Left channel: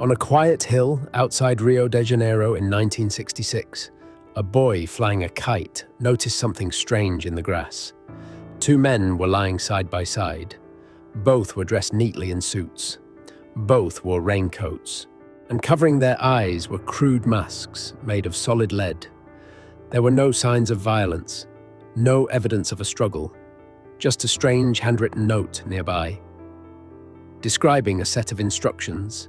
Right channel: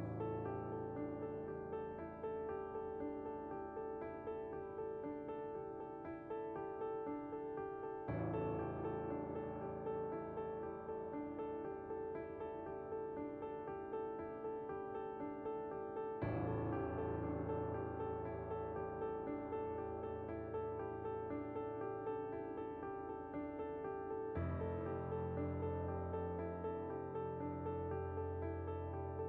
On a quiet hill outside Rio de Janeiro in 1966, a boy flying a kite noticed something strange in the grass. Two men were lying side by side. Both were dressed neatly in suits. Both wore raincoats, and covering their eyes were crude masks made of solid lead. There were no signs of violence, no evidence of a struggle, just a strange handwritten note nearby, describing a set of instructions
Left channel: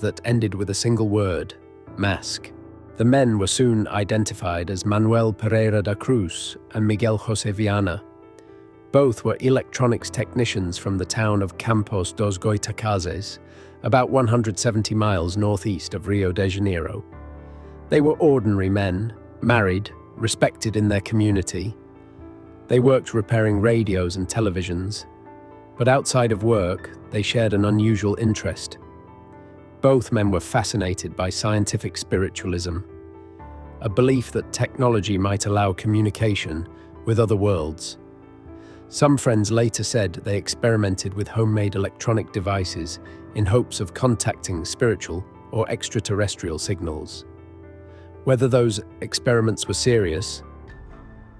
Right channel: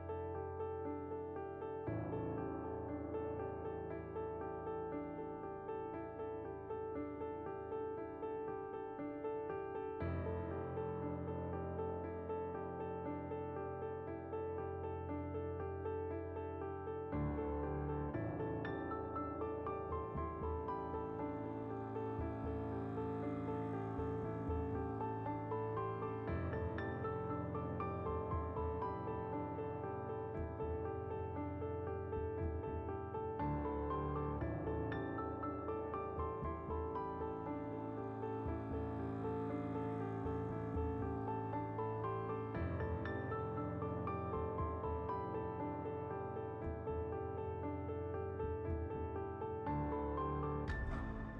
that ended with a single word: mask. The men were soon identified as Manuel Pereira da Cruz and Miguel José Viana. Both were electronics technicians from the town of Campos dos Goitacazes, about 170 miles northeast of Rio de Janeiro. They were ordinary men, married, respected in their community. They worked repairing radios and televisions, but outside of work, they shared an unusual interest. Both men were fascinated by scientific spiritualism, a belief that technology might allow communication with other worlds. Some friends later said they experimented with homemade electronic devices in hopes of contacting spiritual or extraterrestrial signals. Whether those experiments were serious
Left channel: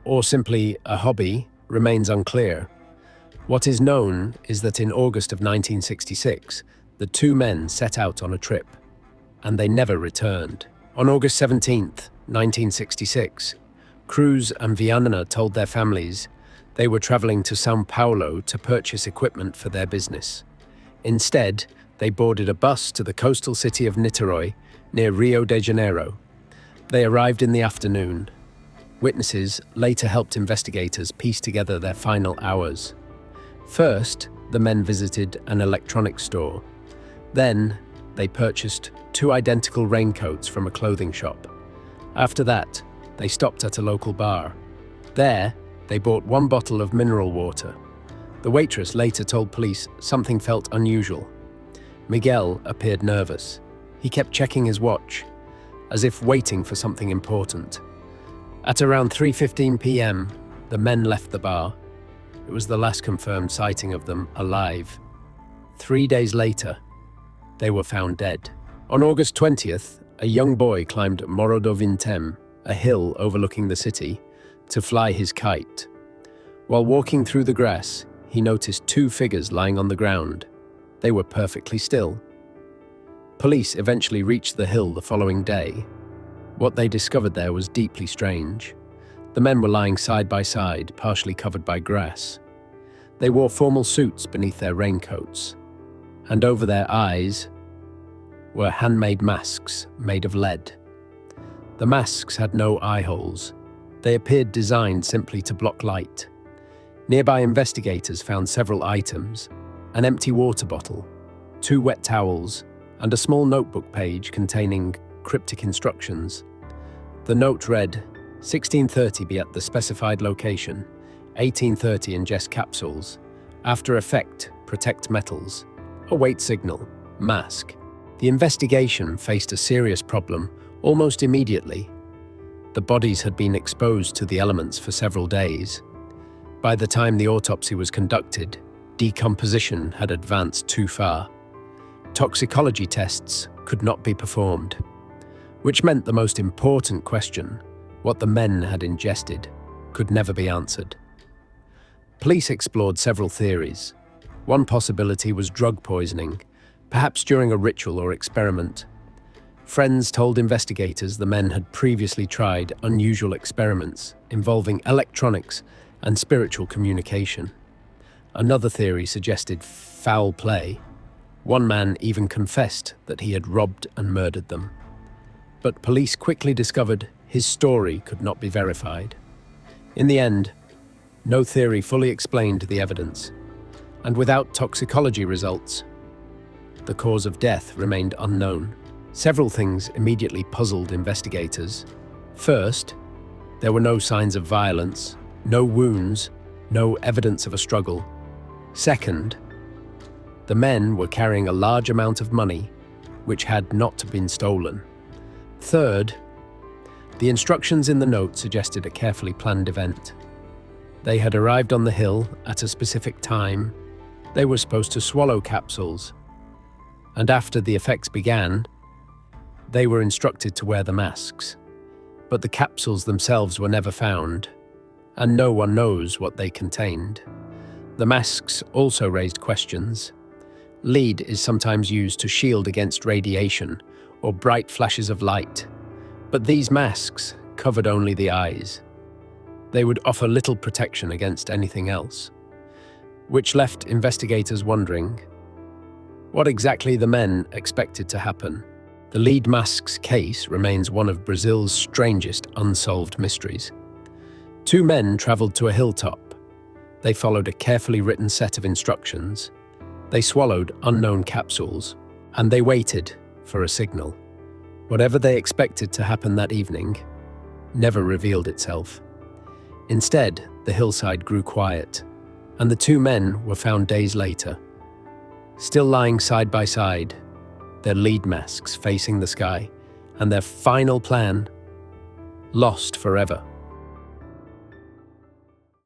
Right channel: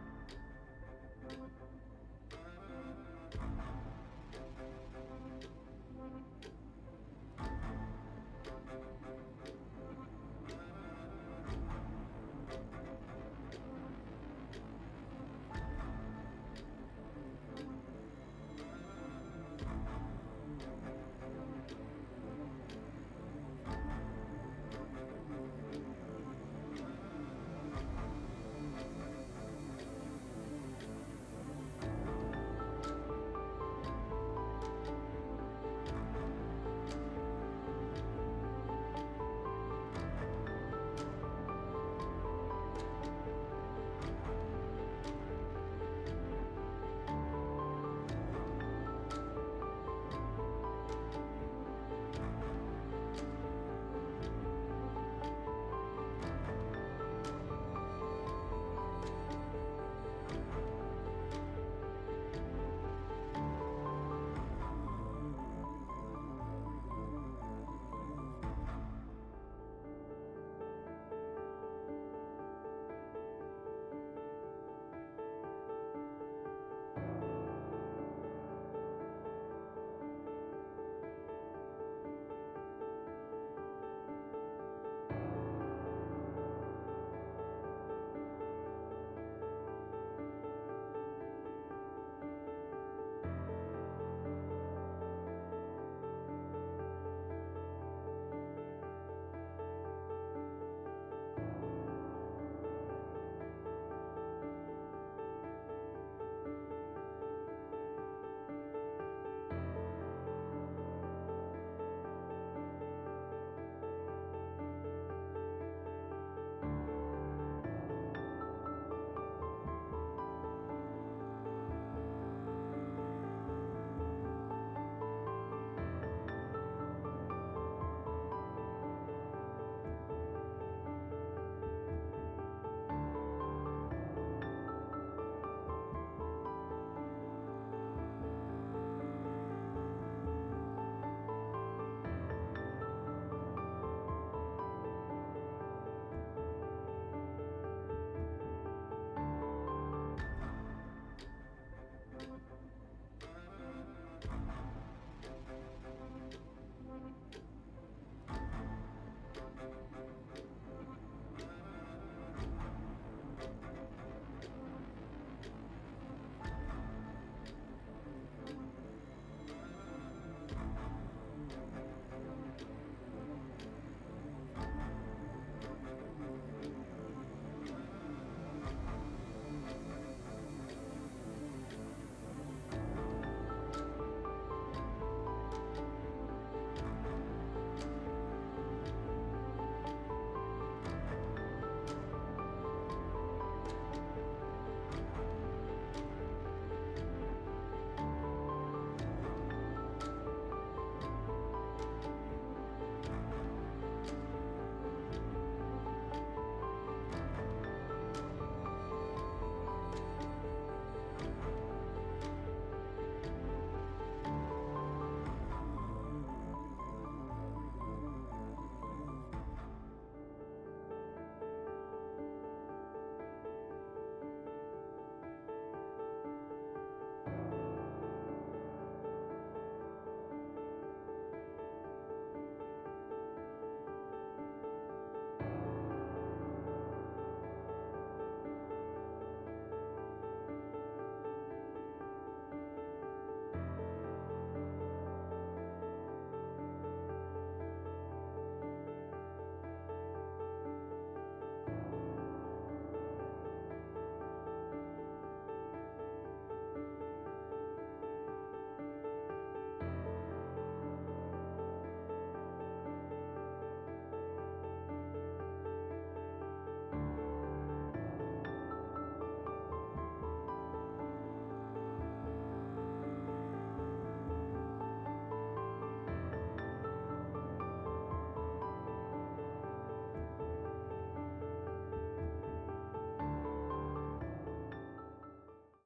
or simply a hobby remains unclear. What is known is that in August of 1966, the two men set out on a trip, and they never returned. On August 17th, 1966, Cruz and Viana told their families they were traveling to São Paulo to purchase equipment for their business. Instead, they boarded a bus to the coastal city of Niterói, near Rio de Janeiro. They arrived in the afternoon. Witnesses later helped investigators piece together their final hours. First, the men visited an electronics store. Then, they purchased two identical raincoats from a clothing shop. After that, they stopped at a local bar. There, they bought one bottle of mineral water. The waitress later told police something felt unusual. Miguel appeared nervous. He kept checking his watch, as if waiting for something important. At around 3:15 p.m., the men left the bar. It was the last confirmed sighting of them alive. 3 days later, they were found dead. On August 20th, a young boy climbed Morro do Vintém, a hill overlooking the city, to fly his kite. While walking through the grass, he noticed two figures lying on the ground. They were perfectly still. Police eventually reached the hill the following day. What they discovered there was deeply strange. The men were lying side by side, partially covered by grass. They wore formal suits beneath their raincoats, and over their eyes were handmade masks made of lead. The masks had no eye holes. They appeared designed simply to block light. Nearby investigators found several items: an empty water bottle, two wet towels, and a small notebook page containing cryptic instructions. The note read, 16:30 be at the specified location, 18:30 ingest capsules. After effect, protect metals. Await signal, mask. The investigation faced a serious problem almost immediately. The bodies had been exposed to the elements for several days. By the time the autopsy was conducted, decomposition had advanced too far. Toxicology tests could not be performed, which meant the most important question, what the men had ingested, could never be answered. Police explored several theories. One possibility was drug poisoning, perhaps during a ritual or experiment. Friends told investigators the men had previously tried unusual experiments involving electronics and spiritual communication. Another theory suggested foul play. One man even confessed that he had robbed and murdered them. But police quickly discovered his story could not be verified. In the end, no theory fully explained the evidence, and without toxicology results, the cause of death remained unknown. Several things immediately puzzled investigators. First, there were no signs of violence, no wounds, no evidence of a struggle. Second, the men were carrying a large amount of money, which had not been stolen. Third, the instructions in the note suggested a carefully planned event. They had arrived on the hill at a specific time. They were supposed to swallow capsules, and after the effects began, they were instructed to wear the masks. But the capsules themselves were never found, and no one knows what they contained. The masks also raised questions. Lead is sometimes used to shield against radiation or bright flashes of light, but these masks covered only the eyes. They would offer little protection against anything else, which left investigators wondering what exactly the men expected to happen. The lead mask's case remains one of Brazil's strangest unsolved mysteries. Two men traveled to a hilltop. They followed a carefully written set of instructions. They swallowed unknown capsules, and they waited for a signal. Whatever they expected to happen that evening never revealed itself. Instead, the hillside grew quiet, and the two men were found days later, still lying side by side, their lead masks facing the sky, and their final plan lost forever.